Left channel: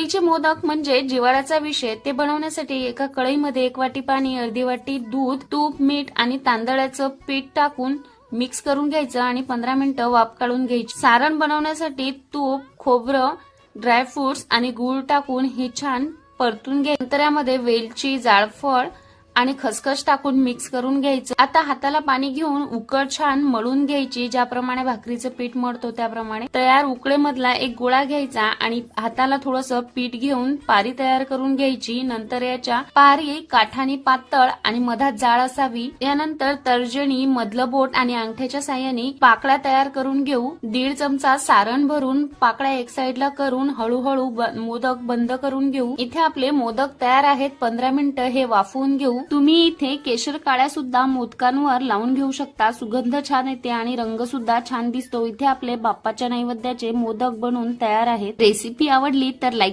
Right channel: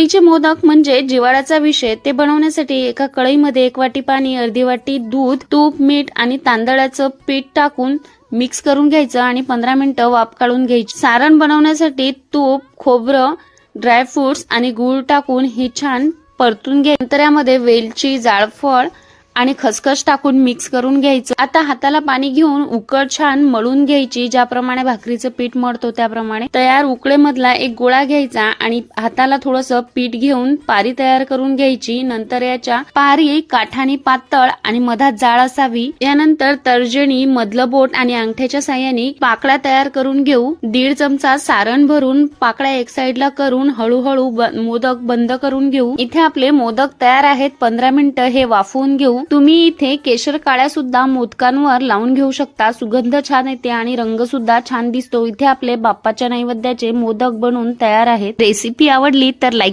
उकडीचे मोदक म्हणजे जिव्हाळ्याचा विषय। ते बनवण्यासाठी एका कढईमध्ये 1 वाटी पाणी, अर्धी वाटी दूध, तूप, मीठ आणि तांदळाचं पीठ टाकून मिक्स करून घ्यायचं आणि 15 मिनिटं वाफ काढून घ्यायची। सारण बनवण्यासाठी तूप, खोबरं, ड्रायफ्रुट्स आणि गूळ टाकून हे छान परतून घ्यायचं। नंतर यामध्ये वेलची, जायफळ आणि खसखस टाकून मिक्स करून घ्यायचं। आता हाताला पाणी घेऊन उकड छान मळून घ्यायची। ज्याप्रमाणे भाकरीचं पीठ मळतो त्याप्रमाणे तयार उकडेमधला एक गोळा घ्यायचा आणि हाताला थोडंसं पीठ घेऊन पारी तयार करून घ्यायची। नंतर याच्या पारी काठानी पातळ आणि मधात जाळ असावी। यानंतर तर्जनी, मधलं बोट आणि अंगठ्याच्या साहाय्याने पाकळ्या तयार करून घेऊ। 1.5 चमचा सारण भरून पाकळ्या एक साईडला करून हळूहळू मोदक बंद करून घेऊ। इथे आपले मोदक तयार आहेत। 15 मिनिटं हे वाफवून घेऊ। तुम्ही इथे केशर काळ्या सुद्धा मोदकांवर लावून घेऊ शकता। सुगंध छान येते आणि रंग सुद्धा छान दिसतो। इथे आपले बाप्पाच्या नैवेद्याचे मोदक बनवून तयार आहेत। रेसिपी आवडली तर लाईक